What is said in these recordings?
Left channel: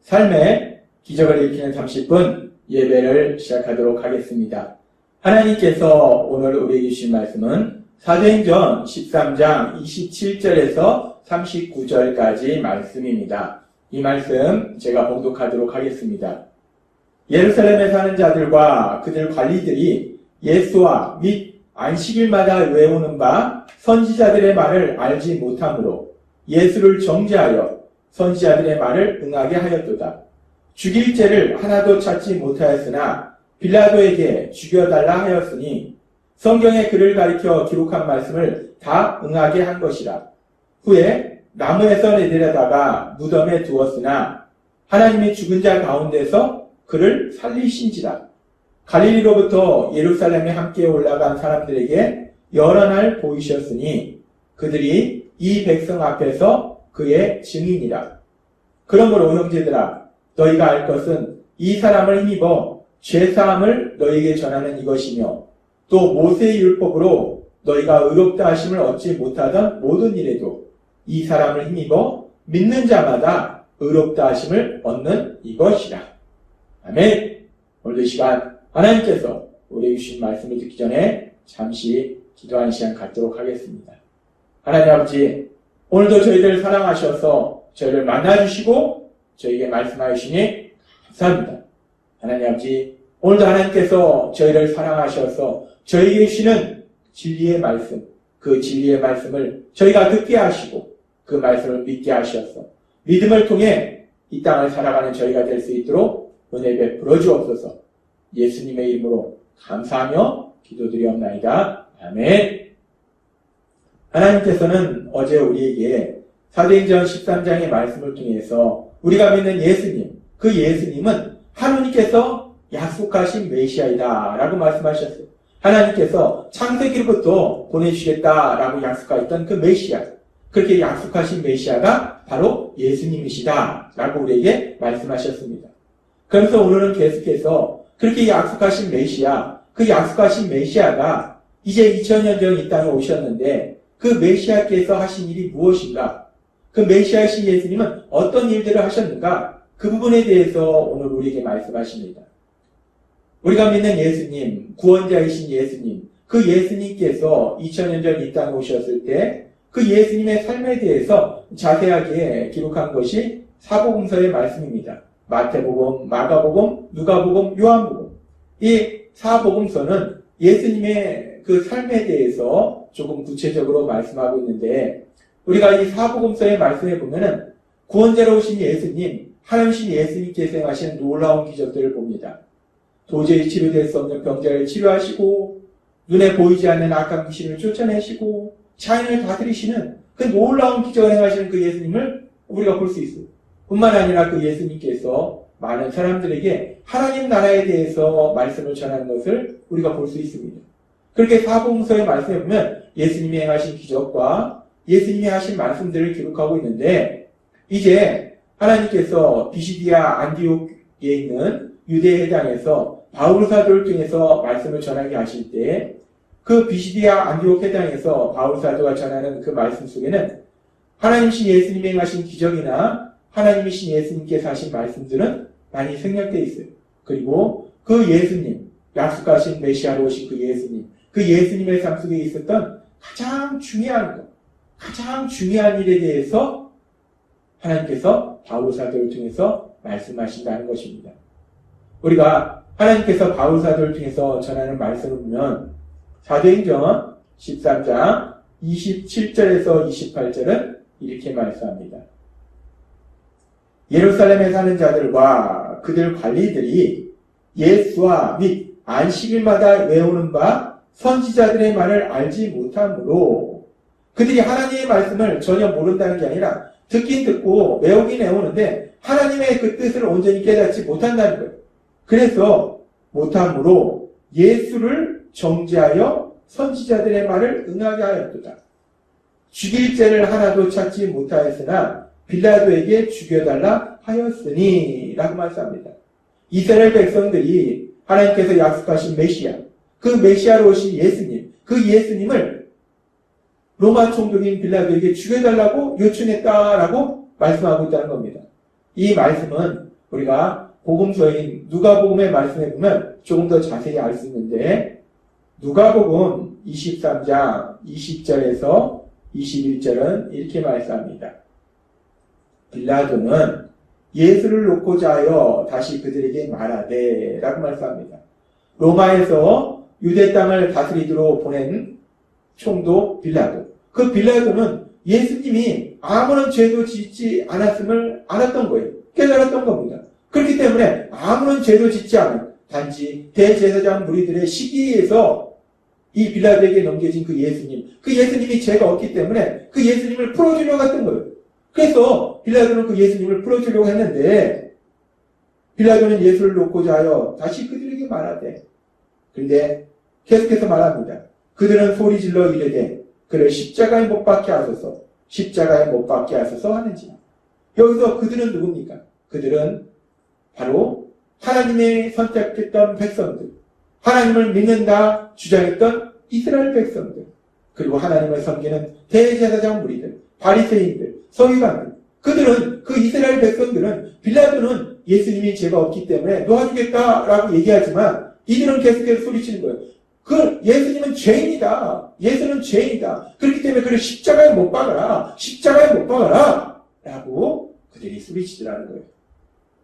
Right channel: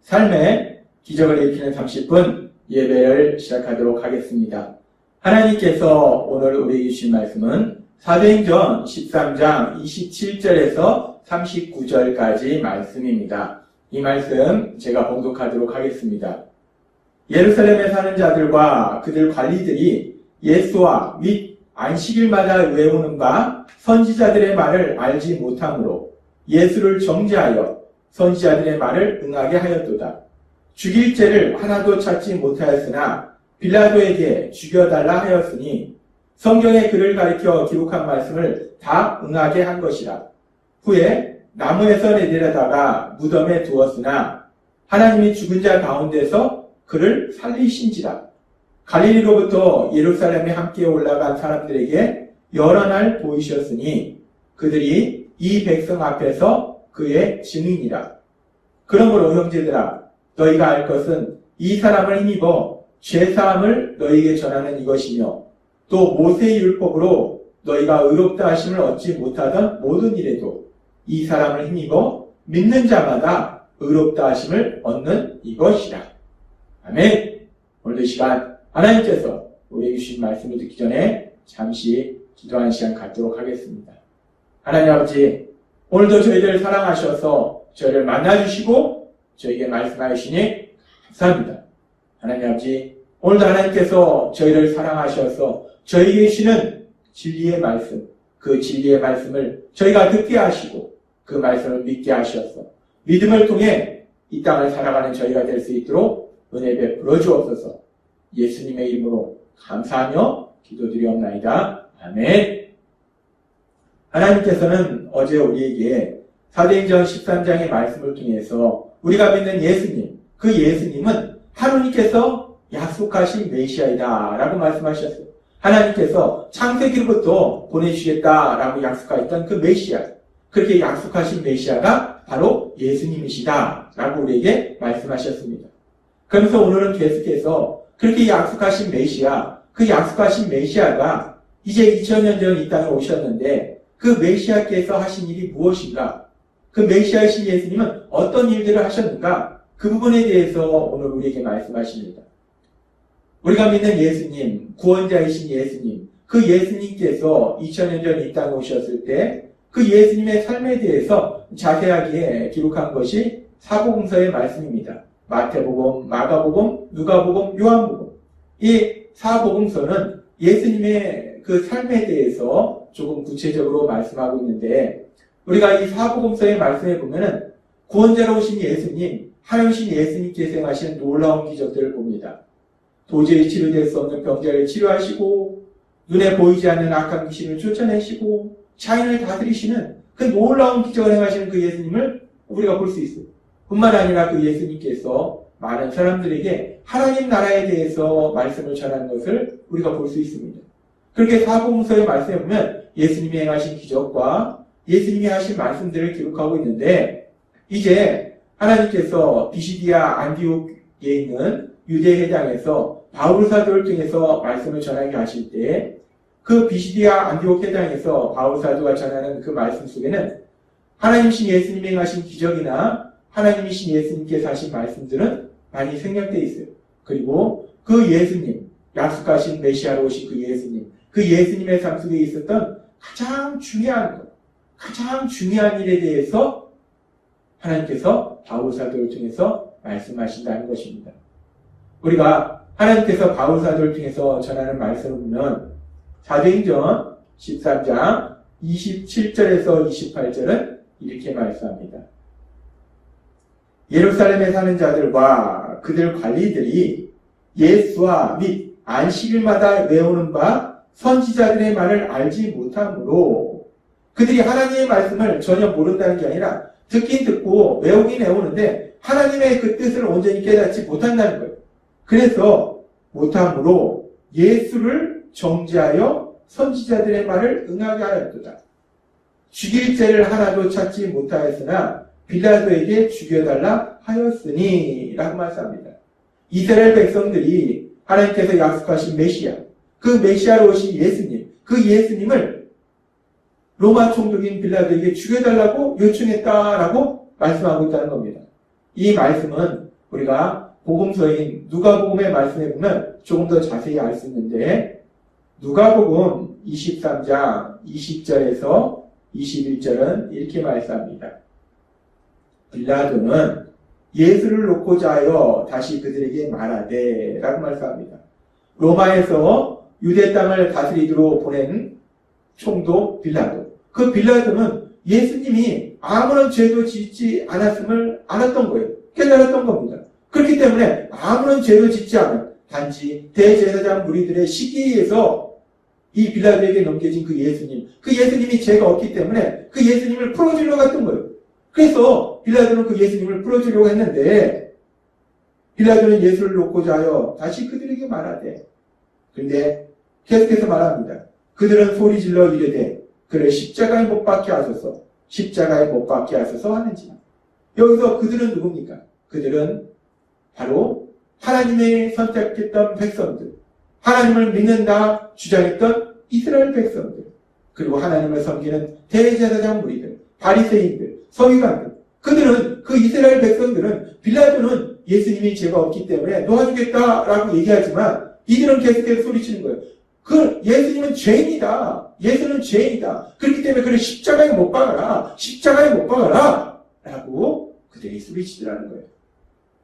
삶의 기적을 일으키는 30분 예배를 시작하도록 하겠습니다. 하나님께서 오늘 우리에게 주신 말씀은 사도행전 13장 27절에서 39절까지 말씀입니다. 이 말씀 제가 봉독하도록 하겠습니다. 예루살렘에 사는 자들과 그들 관리들이 예수와 및 안식일마다 외우는 바 선지자들의 말을 알지 못하므로 예수를 정죄하여 선지자들의 말을 응하게 하였도다. 죽일 죄를 하나도 찾지 못하였으나 빌라도에게 죽여달라 하였으니 성경에 그를 가리켜 기록한 말씀을 다 응하게 한 것이라. 후에 나무에서 내려다가 무덤에 두었으나 하나님이 죽은 자 가운데서 그를 살리신지라. 갈릴리로부터 예루살렘에 함께 올라간 사람들에게 여러 날 보이셨으니 그들이 이 백성 앞에서 그의 증인이라. 그러므로 형제들아, 너희가 알 것은 이 사람을 힘입어 죄사함을 너희에게 전하는 이것이며 또 모세의 율법으로 너희가 의롭다 하심을 얻지 못하던 모든 일에도 이 사람을 힘입어 믿는 자마다 의롭다 하심을 얻는 이것이라. 아멘. 오늘 이 시간 하나님께서 우리에게 주신 말씀을 듣기 전에 잠시 기도하는 시간 갖도록 하겠습니다. 하나님 아버지, 오늘도 저희들 사랑하셔서 저희를 만나주시고 저에게 말씀하시니 감사합니다. 하나님 아버지, 오늘도 하나님께서 저희를 사랑하셔서 저희에게 주시는 진리의 말씀, 그 진리의 말씀을 저희가 듣게 하시고 그 말씀을 믿게 하셔서 믿음을 통해 이 땅을 살아가는 저희가 될 수 있도록 은혜 베풀어 주옵소서. 예수님의 이름으로 감사하며 기도드리옵나이다. 아멘. 하나님께서는 어제 우리에게 사도행전 13장의 말씀을 통해서 우리가 믿는 예수님, 그 예수님은 하나님께서 약속하신 메시아이다 라고 말씀하셨어요. 하나님께서 창세기로부터 보내주시겠다라고 약속하였던 그 메시아, 그렇게 약속하신 메시아가 바로 예수님이시다 라고 우리에게 말씀하셨습니다. 그래서 오늘은 계속해서 그렇게 약속하신 메시아, 그 약속하신 메시아가 이제 2000년 전 이 땅에 오셨는데 그 메시아께서 하신 일이 무엇인가? 그 메시아이신 예수님은 어떤 일들을 하셨는가? 그 부분에 대해서 오늘 우리에게 말씀하십니다. 우리가 믿는 예수님, 구원자이신 예수님, 그 예수님께서 2000년 전 이 땅에 오셨을 때 그 예수님의 삶에 대해서 자세하게 기록한 것이 사복음서의 말씀입니다. 마태복음, 마가복음, 누가복음, 요한복음. 이 사복음서는 예수님의 그 삶에 대해서 조금 구체적으로 말씀하고 있는데 우리가 이 사복음서의 말씀에 보면은 구원자로 오신 예수님, 하나님이신 예수님께서 행하신 놀라운 기적들을 봅니다. 도저히 치료될 수 없는 병자를 치료하시고 눈에 보이지 않는 악한 귀신을 쫓아내시고 자연을 다스리시는 그 놀라운 기적을 행하시는 그 예수님을 우리가 볼 수 있어요. 뿐만 아니라 그 예수님께서 많은 사람들에게 하나님 나라에 대해서 말씀을 전하는 것을 우리가 볼 수 있습니다. 그렇게 사복음서의 말씀에 보면 예수님이 행하신 기적과 예수님이 하신 말씀들을 기록하고 있는데 이제 하나님께서 비시디아 안디옥에 있는 유대 회당에서 바울 사도를 통해서 말씀을 전하게 하실 때 그 비시디아 안디옥 회당에서 바울 사도가 전하는 그 말씀 속에는 하나님이신 예수님이 행하신 기적이나 하나님이신 예수님께서 하신 말씀들은 많이 생략되어 있어요. 그리고 그 예수님, 약속하신 메시아로 오신 그 예수님, 그 예수님의 삶 속에 있었던 가장 중요한 것, 가장 중요한 일에 대해서 하나님께서 바울 사도를 통해서 말씀하신다는 것입니다. 우리가 하나님께서 바울 사도를 통해서 전하는 말씀을 보면 사도행전 13장 27절에서 28절은 이렇게 말씀합니다. 예루살렘에 사는 자들과 그들 관리들이 예수와 및 안식일마다 외우는 바 선지자들의 말을 알지 못하므로 그들이 하나님의 말씀을 전혀 모른다는 게 아니라 듣긴 듣고 외우긴 외우는데 하나님의 그 뜻을 온전히 깨닫지 못한다는 거예요. 그래서 못하므로 예수를 정죄하여 선지자들의 말을 응하게 하였도다. 죽일 죄를 하나도 찾지 못하였으나 빌라도에게 죽여달라 하였으니 라고 말씀합니다. 이스라엘 백성들이 하나님께서 약속하신 메시아, 그 메시아로 오신 예수님, 그 예수님을 로마 총독인 빌라도에게 죽여달라고 요청했다라고 말씀하고 있다는 겁니다. 이 말씀은 우리가 복음서인 누가복음의 말씀에 보면 조금 더 자세히 알 수 있는데, 누가복음 23장 20절에서 21절은 이렇게 말씀합니다. 빌라도는 예수를 놓고자 하여 다시 그들에게 말하되 라고 말씀합니다. 로마에서 유대 땅을 다스리도록 보낸 총독 빌라도. 그 빌라도는 예수님이 아무런 죄도 짓지 않았음을 알았던 거예요. 깨달았던 겁니다. 그렇기 때문에 아무런 죄도 짓지 않은 단지 대제사장 무리들의 시기에서 이 빌라도에게 넘겨진 그 예수님이 죄가 없기 때문에 그 예수님을 풀어주려고 했던 거예요. 그래서 빌라도는 그 예수님을 풀어주려고 했는데, 빌라도는 예수를 놓고자 하여 다시 그들에게 말하되, 그런데 계속해서 말합니다. 그들은 소리질러 이르되 그를 십자가에 못 박게 하소서, 십자가에 못 박게 하소서 하는지. 여기서 그들은 누굽니까? 그들은 바로 하나님의 선택했던 백성들, 하나님을 믿는다 주장했던 이스라엘 백성들, 그리고 하나님을 섬기는 대제사장 무리들, 바리새인들, 서기관들. 그들은, 그 이스라엘 백성들은, 빌라도는 예수님이 죄가 없기 때문에 놓아주겠다라고 얘기하지만 이들은 계속해서 소리치는 거예요. 그 예수님은 죄인이다. 예수는 죄인이다. 그렇기 때문에 그를 십자가에 못 박아라. 십자가에 못 박아라. 라고 그들이 소리치더라는 거예요.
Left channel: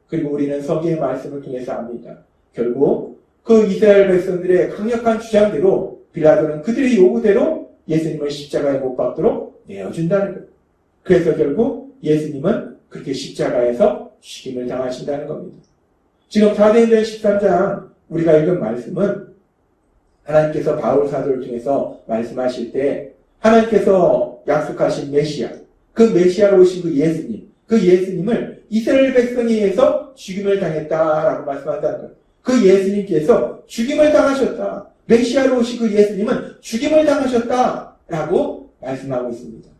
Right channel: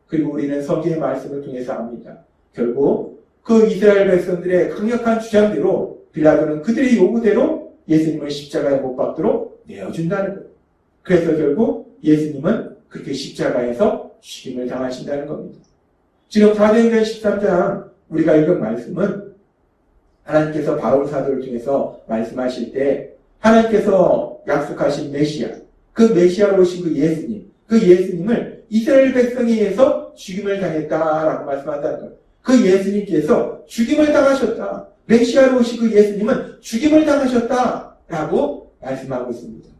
그리고 우리는 성경의 말씀을 통해서 압니다. 결국 그 이스라엘 백성들의 강력한 주장대로 빌라도는 그들의 요구대로 예수님을 십자가에 못 박도록 내어준다는 거예요. 그래서 결국 예수님은 그렇게 십자가에서 죽임을 당하신다는 겁니다. 지금 사도행전 13장 우리가 읽은 말씀은 하나님께서 바울 사도를 통해서 말씀하실 때 하나님께서 약속하신 메시아, 그 메시아로 오신 그 예수님을 이스라엘 백성에 의해서 죽임을 당했다라고 말씀한다는 거예요. 그 예수님께서 죽임을 당하셨다. 메시아로 오신 그 예수님은 죽임을 당하셨다라고 말씀하고 있습니다.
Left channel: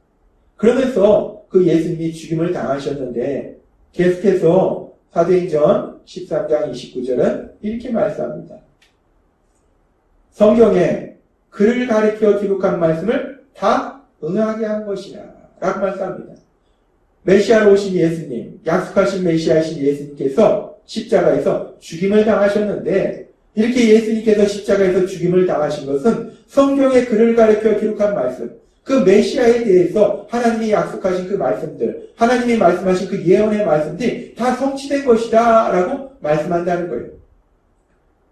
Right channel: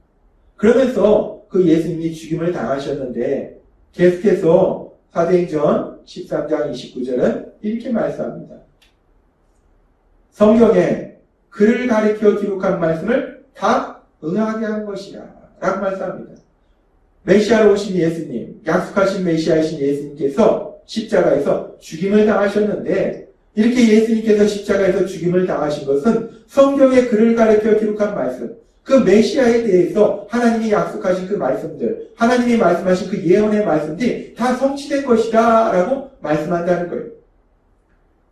그러면서 그 예수님이 죽임을 당하셨는데 계속해서 사도행전 13장 29절은 이렇게 말씀합니다. 성경에 그를 가리켜 기록한 말씀을 다 응하게 한 것이라 라고 말씀합니다. 메시아로 오신 예수님, 약속하신 메시아이신 예수님께서 십자가에서 죽임을 당하셨는데, 이렇게 예수님께서 십자가에서 죽임을 당하신 것은 성경에 그를 가리켜 기록한 말씀, 그 메시아에 대해서 하나님이 약속하신 그 말씀들, 하나님이 말씀하신 그 예언의 말씀들이 다 성취된 것이다 라고 말씀한다는 거예요.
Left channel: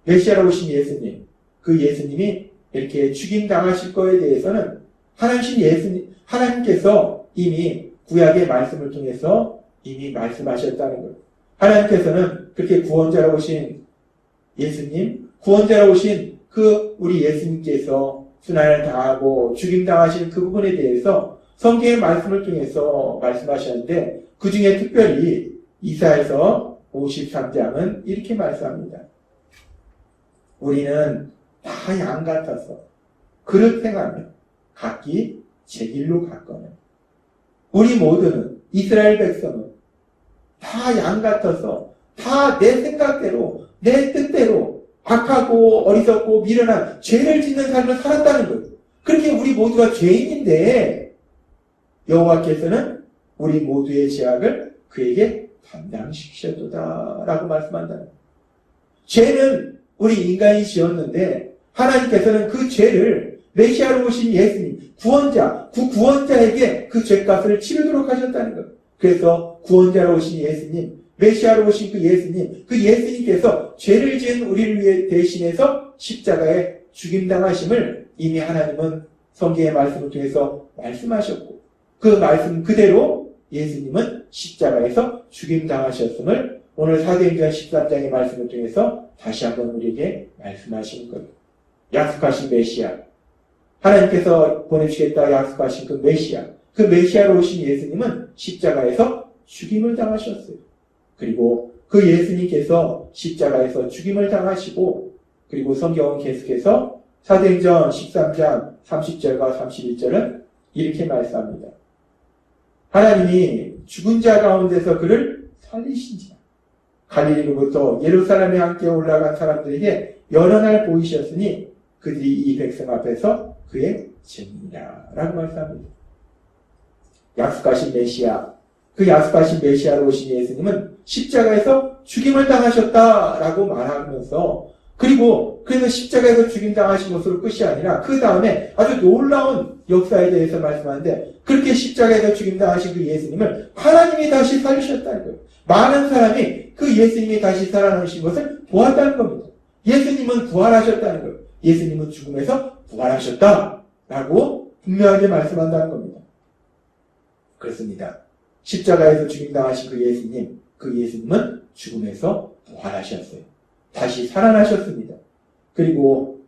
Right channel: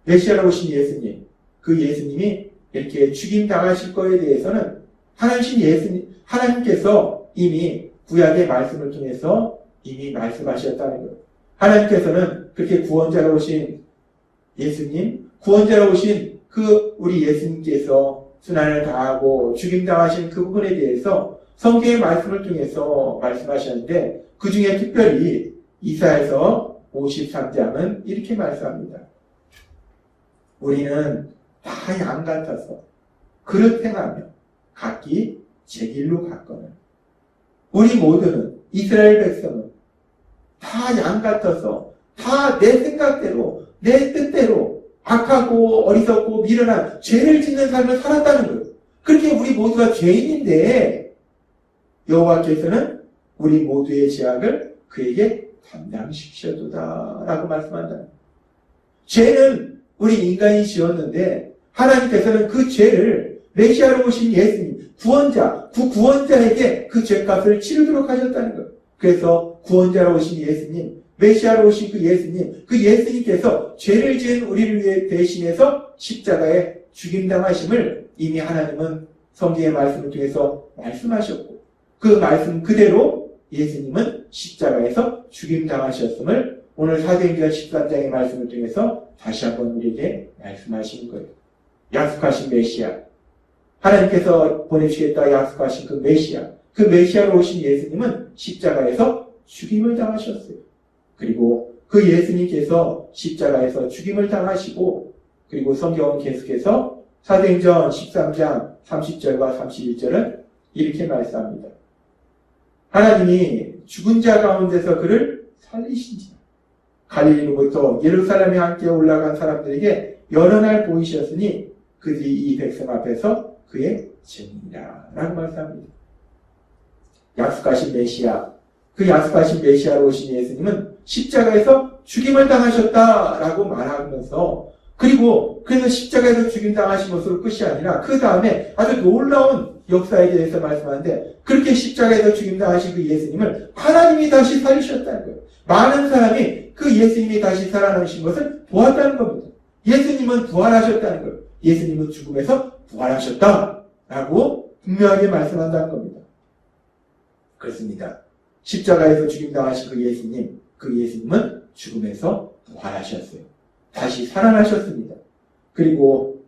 메시아로 오신 예수님, 그 예수님이 이렇게 죽임 당하실 거에 대해서는 하나님께서 이미 구약의 말씀을 통해서 이미 말씀하셨다는 거예요. 하나님께서는 그렇게 구원자로 오신 예수님, 구원자로 오신 그 우리 예수님께서 순환을 당하고 죽임당하신 그 부분에 대해서 성경의 말씀을 통해서 말씀하셨는데, 그 중에 특별히 이사야서 53장은 이렇게 말씀합니다. 우리는 다 양 같아서 그릇 행하며 각기 제 길로 갔거늘. 우리 모두는, 이스라엘 백성은 다 양 같아서 다 내 생각대로, 내 뜻대로 악하고 어리석고 미련한 죄를 짓는 삶을 살았다는 거예요. 그렇게 우리 모두가 죄인인데 여호와께서는 우리 모두의 죄악을 그에게 담당시키셨도다 라고 말씀한다는 거예요. 죄는 우리 인간이 지었는데 하나님께서는 그 죄를 메시아로 오신 예수님, 구원자, 그 구원자에게 그 죄값을 치르도록 하셨다는 거예요. 그래서 구원자로 오신 예수님, 메시아로 오신 그 예수님께서 죄를 지은 우리를 위해 대신해서 십자가에 죽임당하심을 이미 하나님은 성경의 말씀을 통해서 말씀하셨고, 그 말씀 그대로 예수님은 십자가에서 죽임당하셨음을 오늘 사도행전 13장의 말씀을 통해서 다시 한번 우리에게 말씀하시는 거예요. 약속하신 메시아, 하나님께서 보내주시겠다 약속하신 그 메시아로 오신 예수님은 십자가에서 죽임을 당하셨어요. 그리고 그 예수님께서 십자가에서 죽임을 당하시고, 그리고 성경은 계속해서 사도행전 13장 30절과 31절은 이렇게 말씀합니다. 하나님이 죽은 자 가운데서 그를 살리신지라. 갈릴리로부터 예루살렘에 함께 올라간 사람들에게 여러 날 보이셨으니 그들이 이 백성 앞에서 그의 증인이라 라고 말씀합니다. 약속하신 메시아, 그 약속하신 메시아로 오신 예수님은 십자가에서 죽임을 당하셨다라고 말하면서, 그리고 그는 십자가에서 죽임 당하신 것으로 끝이 아니라 그 다음에 아주 놀라운 역사에 대해서 말씀하는데, 그렇게 십자가에서 죽임 당하신 그 예수님을 하나님이 다시 살리셨다는 거예요. 많은 사람이 그 예수님이 다시 살아나신 것을 보았다는 겁니다. 예수님은 부활하셨다는 거예요. 예수님은 죽음에서 부활하셨다라고 분명하게 말씀한다는 겁니다. 그렇습니다. 십자가에서 죽임 당하신 그 예수님은 죽음에서 부활하셨어요. 다시 살아나셨습니다. 그리고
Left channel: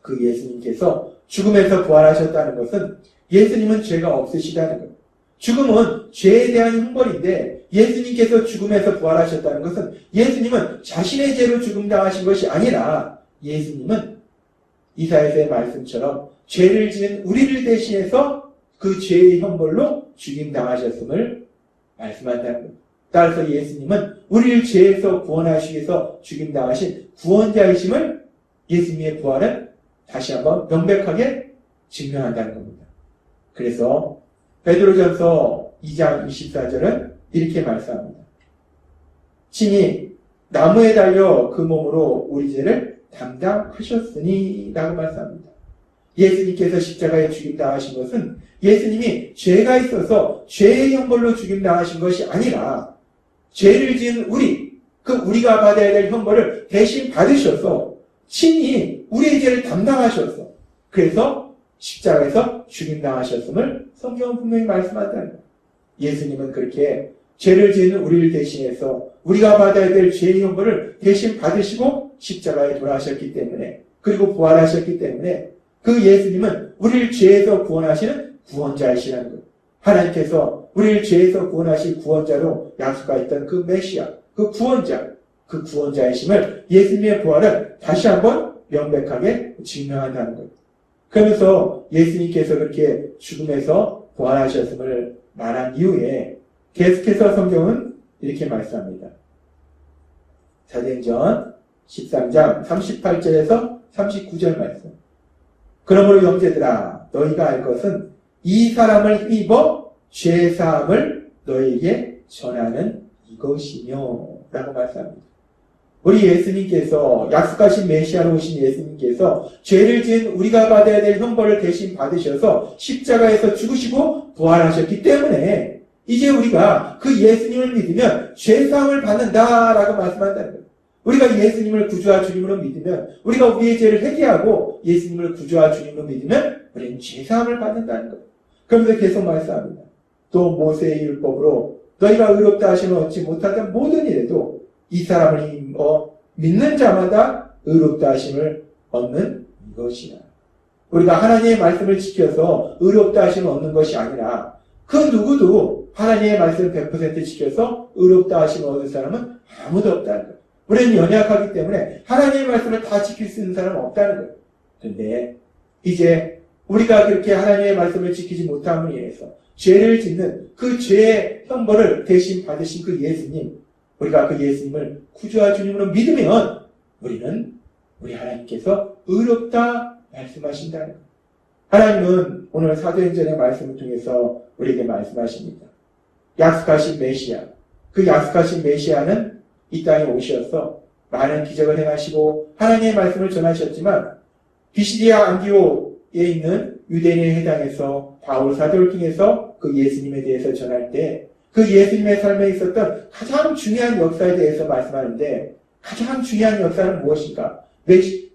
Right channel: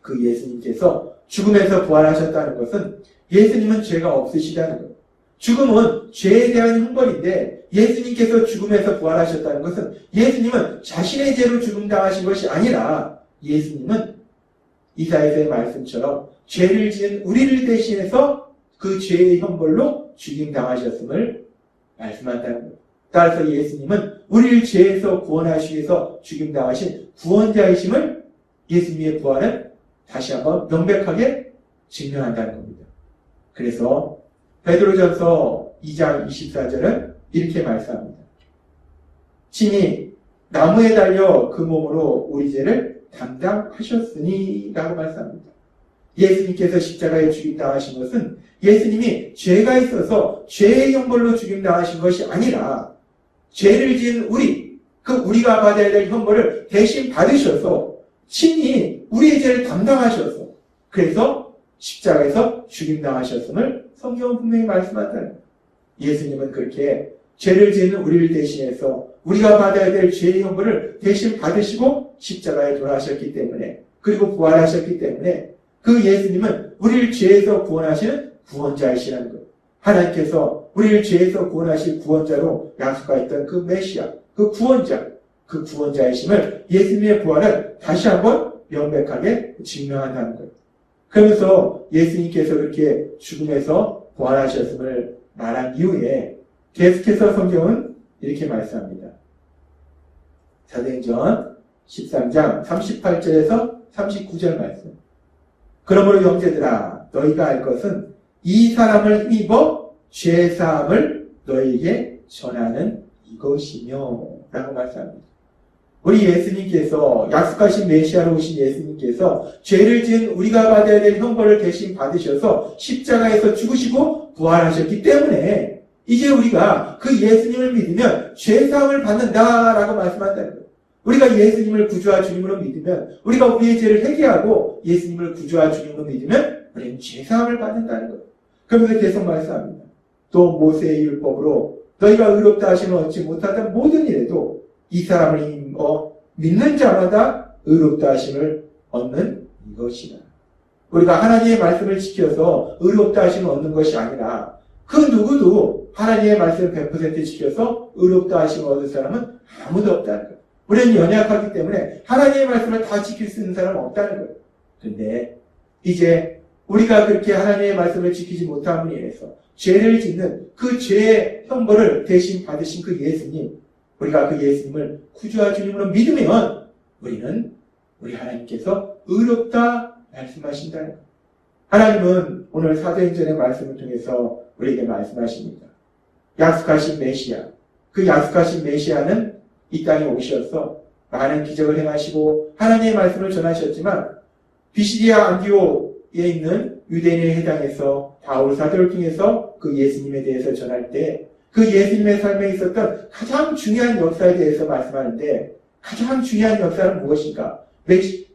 그 예수님께서 죽음에서 부활하셨다는 것은 예수님은 죄가 없으시다는 거예요. 죽음은 죄에 대한 형벌인데, 예수님께서 죽음에서 부활하셨다는 것은 예수님은 자신의 죄로 죽음 당하신 것이 아니라, 예수님은 이사야서의 말씀처럼 죄를 지은 우리를 대신해서 그 죄의 형벌로 죽임 당하셨음을 말씀한다는 거예요. 따라서 예수님은 우리를 죄에서 구원하시기 위해서 죽임 당하신 구원자이심을 예수님의 부활은 다시 한번 명백하게 증명한다는 겁니다. 그래서 베드로전서 2장 24절은 이렇게 말씀합니다. 친히 나무에 달려 그 몸으로 우리 죄를 담당하셨으니 라고 말씀합니다. 예수님께서 십자가에 죽임당하신 것은 예수님이 죄가 있어서 죄의 형벌로 죽임당하신 것이 아니라, 죄를 지은 우리가 받아야 될 형벌을 대신 받으셔서 친히 우리의 죄를 담당하셔서, 그래서 십자가에서 죽임당하셨음을 성경은 분명히 말씀한다는 거예요. 예수님은 그렇게 죄를 지은 우리를 대신해서 우리가 받아야 될 죄의 형벌을 대신 받으시고 십자가에 돌아가셨기 때문에, 그리고 부활하셨기 때문에 그 예수님은 우리를 죄에서 구원하시는 구원자이시라는 거예요. 하나님께서 우리를 죄에서 구원하실 구원자로 약속하였던 그 메시아, 그 구원자이심을 예수님의 부활은 다시 한번 명백하게 증명한다는 거예요. 그러면서 예수님께서 그렇게 죽음에서 부활하셨음을 말한 이후에 계속해서 성경은 이렇게 말씀합니다. 사도행전 13장 38절에서 39절 말씀. 그러므로 형제들아, 너희가 알 것은 이 사람을 힘입어 죄사함을 너희에게 전하는 이것이며 라고 말씀합니다. 우리 예수님께서, 약속하신 메시아로 오신 예수님께서 죄를 지은 우리가 받아야 될 형벌을 대신 받으셔서 십자가에서 죽으시고 부활하셨기 때문에 이제 우리가 그 예수님을 믿으면 죄사함을 받는다라고 말씀한다는 거예요. 우리가 예수님을 구주와 주님으로 믿으면, 우리가 우리의 죄를 회개하고 예수님을 구주와 주님으로 믿으면 우리는 죄사함을 받는다는 거예요. 그러면서 계속 말씀합니다. 또 모세의 율법으로 너희가 의롭다 하심을 얻지 못하던 모든 일에도 이 사람을 믿는 자마다 의롭다 하심을 얻는 이것이라. 우리가 하나님의 말씀을 지켜서 의롭다 하심을 얻는 것이 아니라, 그 누구도 하나님의 말씀을 100% 지켜서 의롭다 하심을 얻는 사람은 아무도 없다는 거예요. 우리는 연약하기 때문에 하나님의 말씀을 다 지킬 수 있는 사람은 없다는 거예요. 그런데 이제 우리가 그렇게 하나님의 말씀을 지키지 못함으로 인해서 죄를 짓는 그 죄의 형벌을 대신 받으신 그 예수님, 우리가 그 예수님을 구주와 주님으로 믿으면 우리는 우리 하나님께서 의롭다 말씀하신다는 거예요. 하나님은 오늘 사도행전의 말씀을 통해서 우리에게 말씀하십니다. 약속하신 메시아, 그 약속하신 메시아는 이 땅에 오셔서 많은 기적을 행하시고 하나님의 말씀을 전하셨지만, 비시디아 안디옥에 있는 유대인의 회당에서 바울 사도를 통해서 그 예수님에 대해서 전할 때 그 예수님의 삶에 있었던 가장 중요한 역사에 대해서 말씀하는데, 가장 중요한 역사는 무엇인가?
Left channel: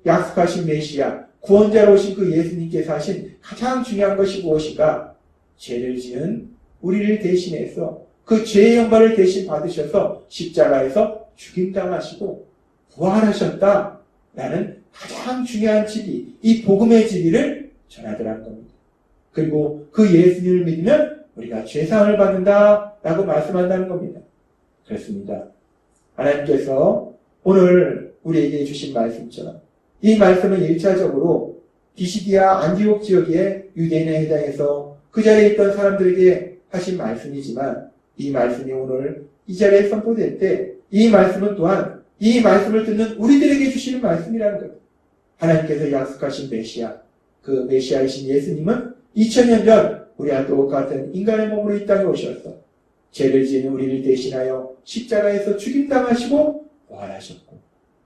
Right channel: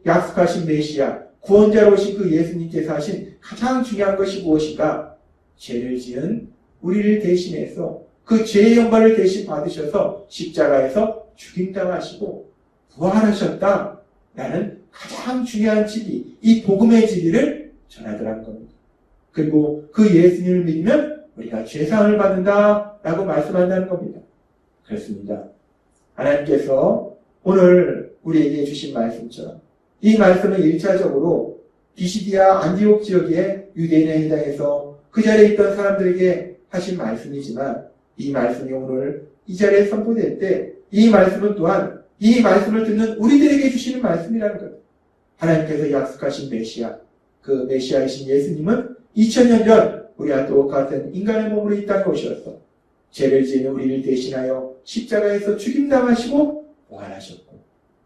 약속하신 메시아, 구원자로 오신 그 예수님께서 하신 가장 중요한 것이 무엇인가? 죄를 지은 우리를 대신해서 그 죄의 형벌을 대신 받으셔서 십자가에서 죽임당하시고 부활하셨다라는 가장 중요한 진리, 이 복음의 진리를 전하더라는 겁니다. 그리고 그 예수님을 믿으면 우리가 죄사함을 받는다라고 말씀한다는 겁니다. 그렇습니다. 하나님께서 오늘 우리에게 주신 말씀처럼 이 말씀은 1차적으로 비시디아 안디옥 지역의 유대인의 회당에서 그 자리에 있던 사람들에게 하신 말씀이지만, 이 말씀이 오늘 이 자리에 선포될 때 이 말씀은 또한 이 말씀을 듣는 우리들에게 주시는 말씀이라는 것. 하나님께서 약속하신 메시아, 그 메시아이신 예수님은 2000년 전 우리와 똑같은 인간의 몸으로 이 땅에 오셔서 죄를 지은 우리를 대신하여 십자가에서 죽임당하시고 부활하셨고,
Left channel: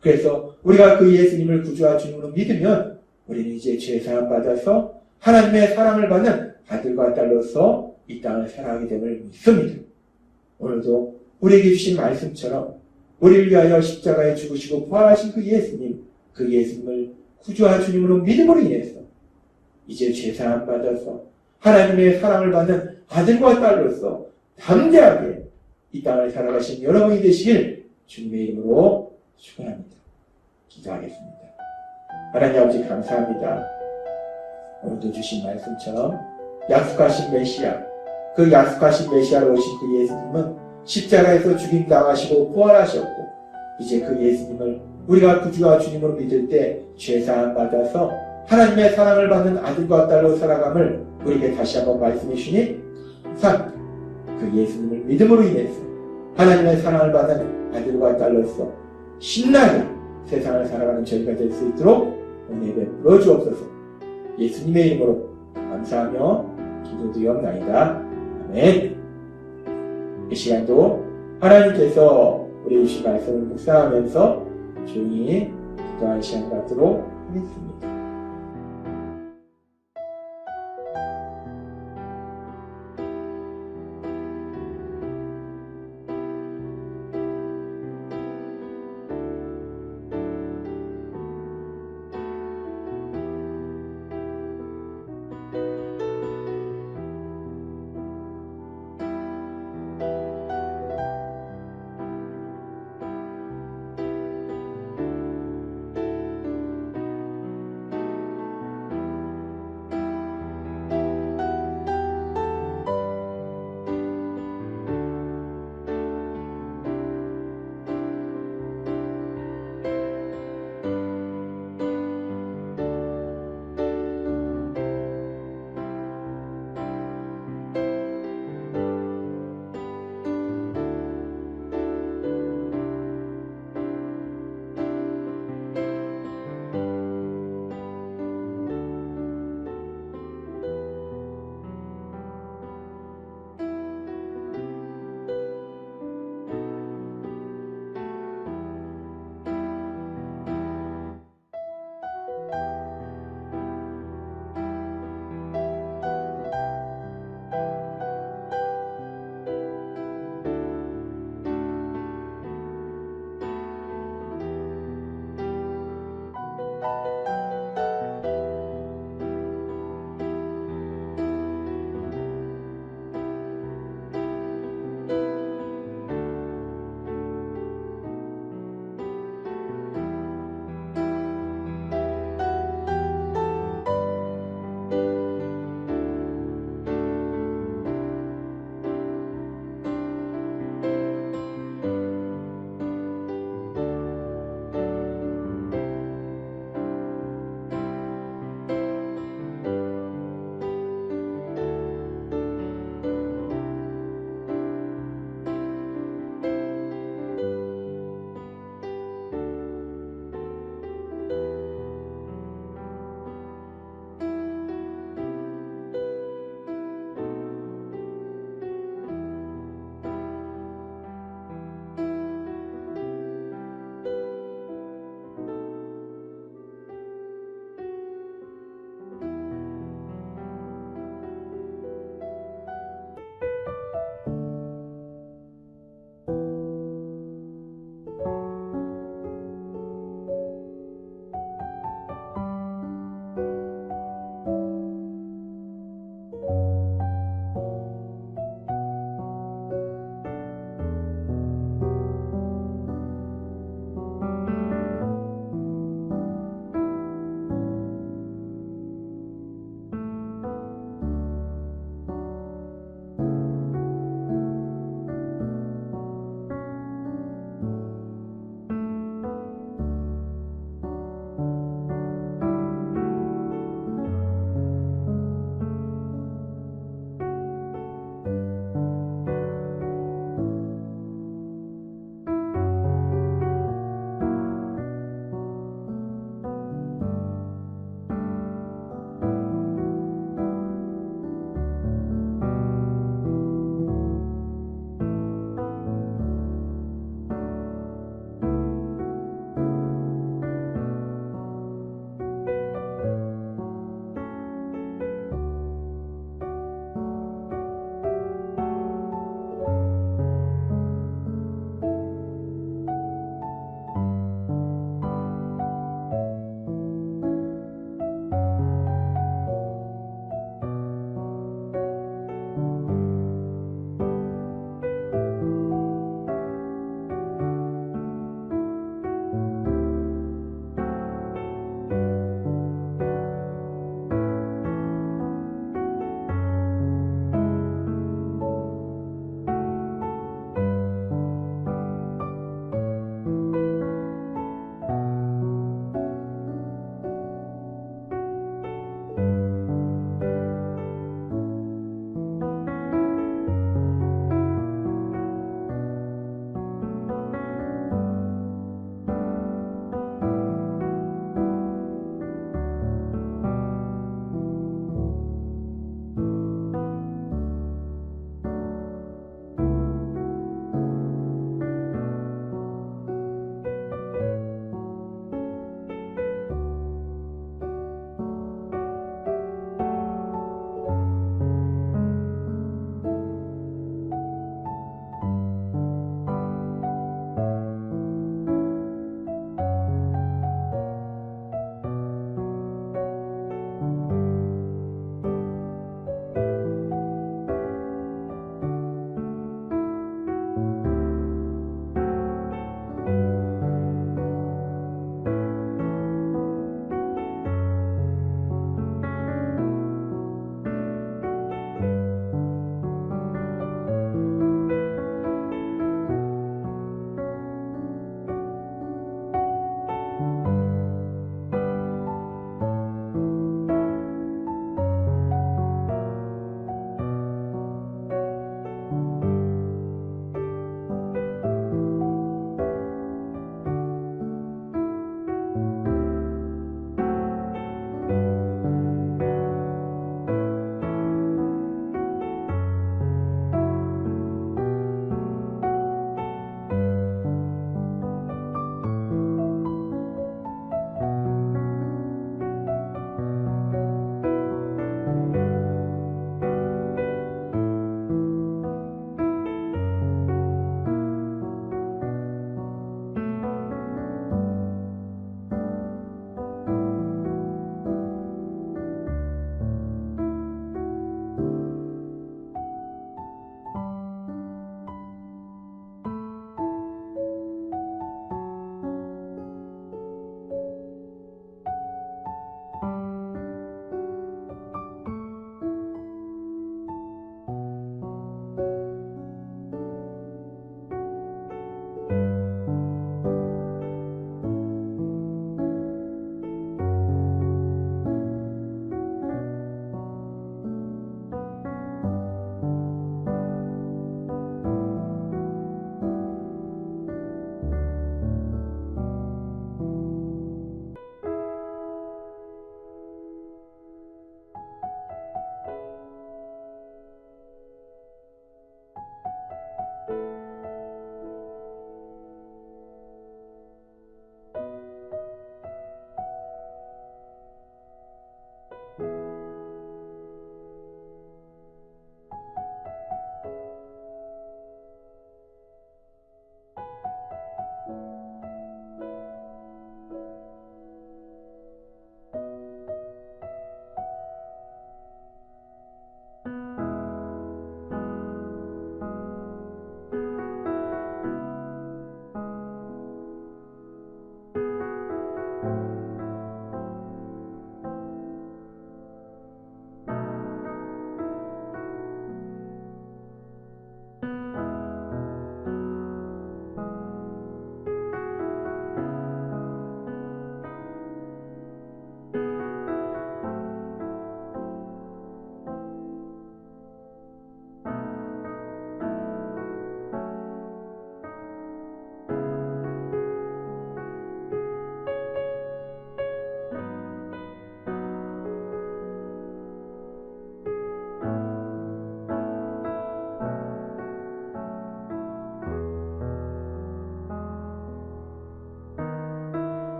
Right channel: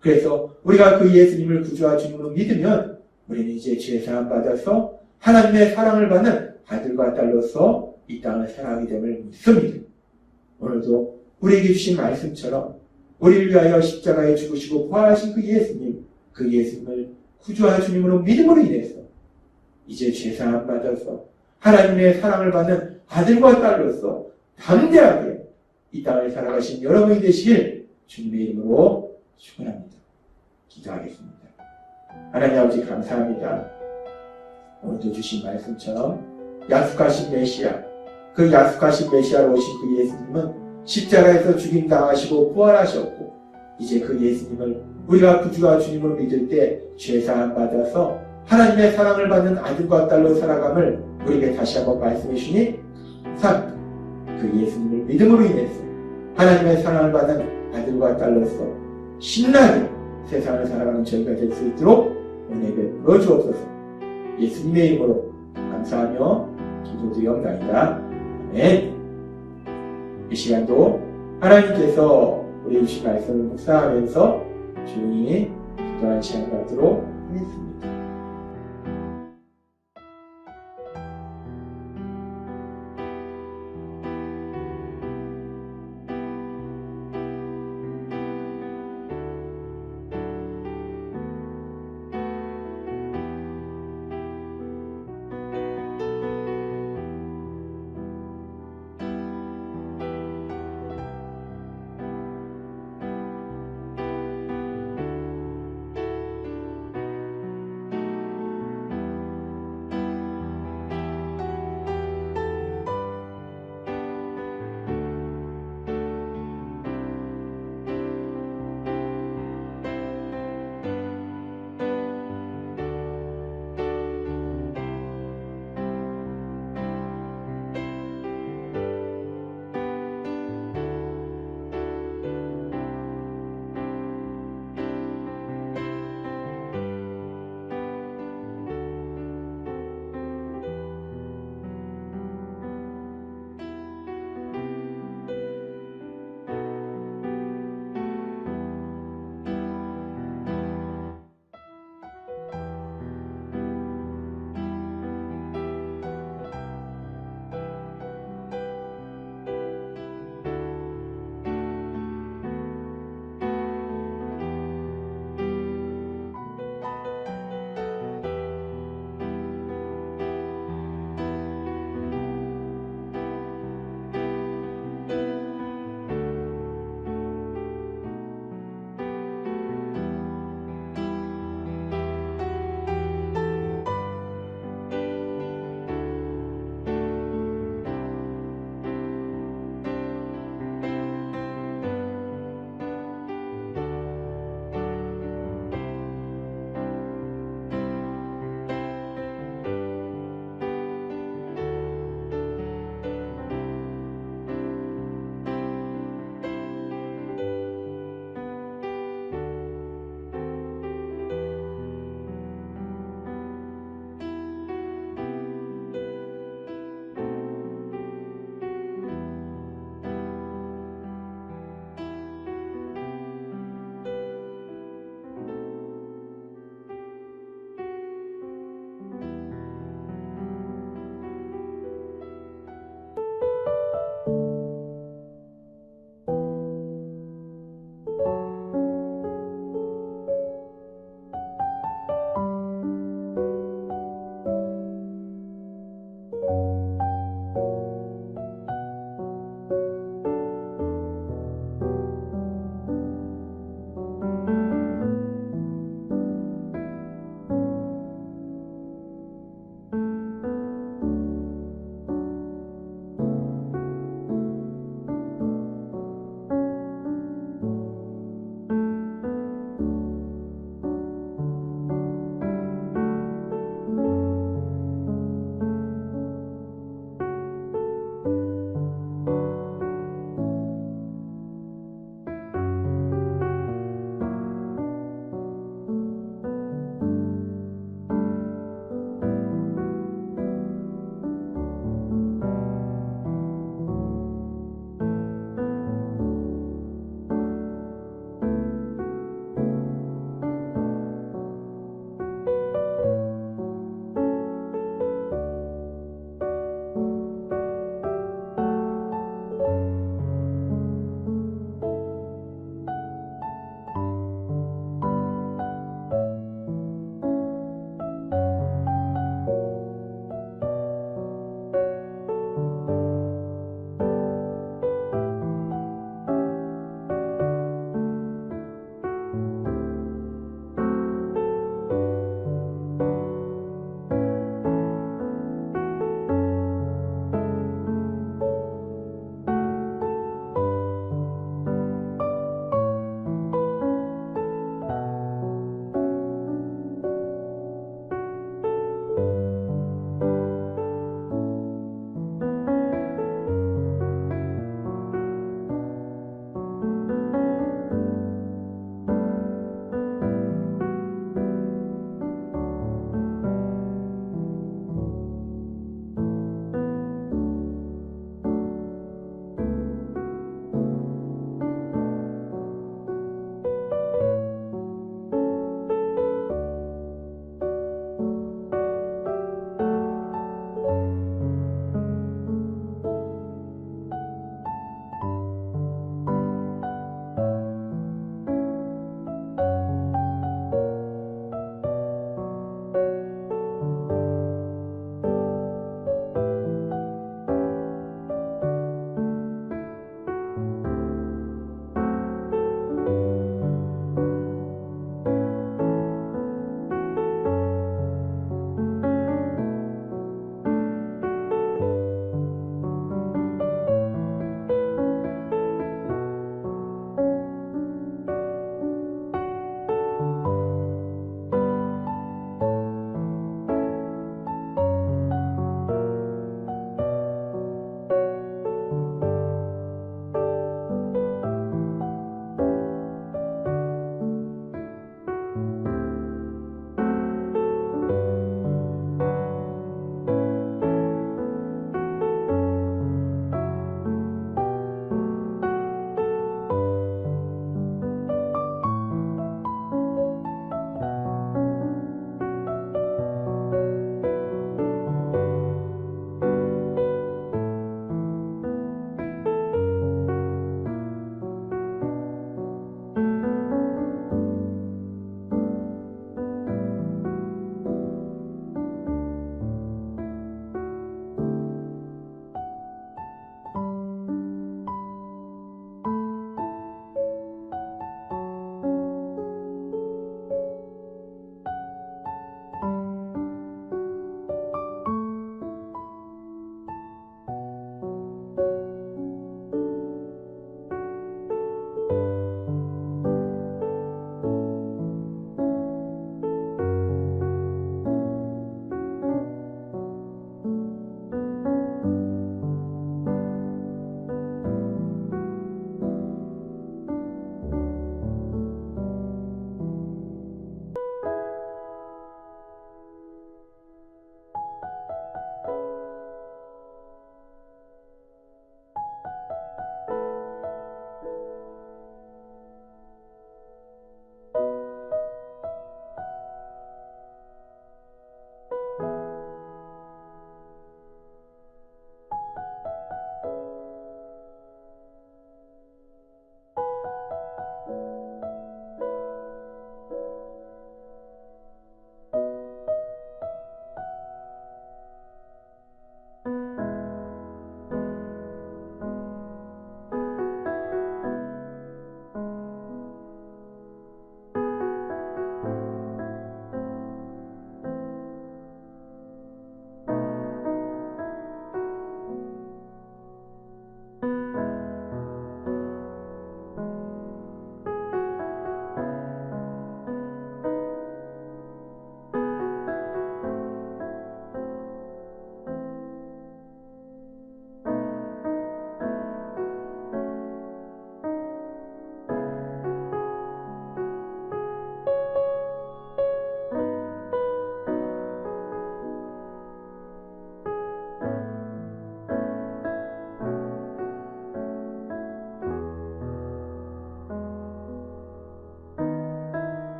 그래서 우리가 그 예수님을 구주와 주님으로 믿으면 우리는 이제 죄사함 받아서 하나님의 사랑을 받는 아들과 딸로서 이 땅을 살아가게 됨을 믿습니다. 오늘도 우리에게 주신 말씀처럼 우리를 위하여 십자가에 죽으시고 부활하신 그 예수님, 그 예수님을 구주와 주님으로 믿음으로 인해서 이제 죄사함 받아서 하나님의 사랑을 받는 아들과 딸로서 담대하게 이 땅을 살아가신 여러분이 되시길 주님의 이름으로 축원합니다. 기도하겠습니다. 하나님 아버지 감사합니다. 오늘도 주신 말씀처럼 약속하신 메시아, 그 약속하신 메시아로 오신 그 예수님은 십자가에서 죽임당하시고 부활하셨고, 이제 그 예수님을 우리가 구주와 주님으로 믿을 때 죄사함 받아서 하나님의 사랑을 받는 아들과 딸로 살아감을 우리에게 다시 한번 말씀해 주시니 감사합니다. 그 예수님을 믿음으로 인해서 하나님의 사랑을 받는 아들과 딸로서 신나게 세상을 살아가는 저희가 될 수 있도록 은혜 베풀어 주옵소서. 예수님의 이름으로 감사하며 기도드리옵나이다. 아멘. 이 시간도 하나님께서 우리 주신 말씀을 묵상하면서 조용히 기도하는 시간 갖도록 하겠습니다.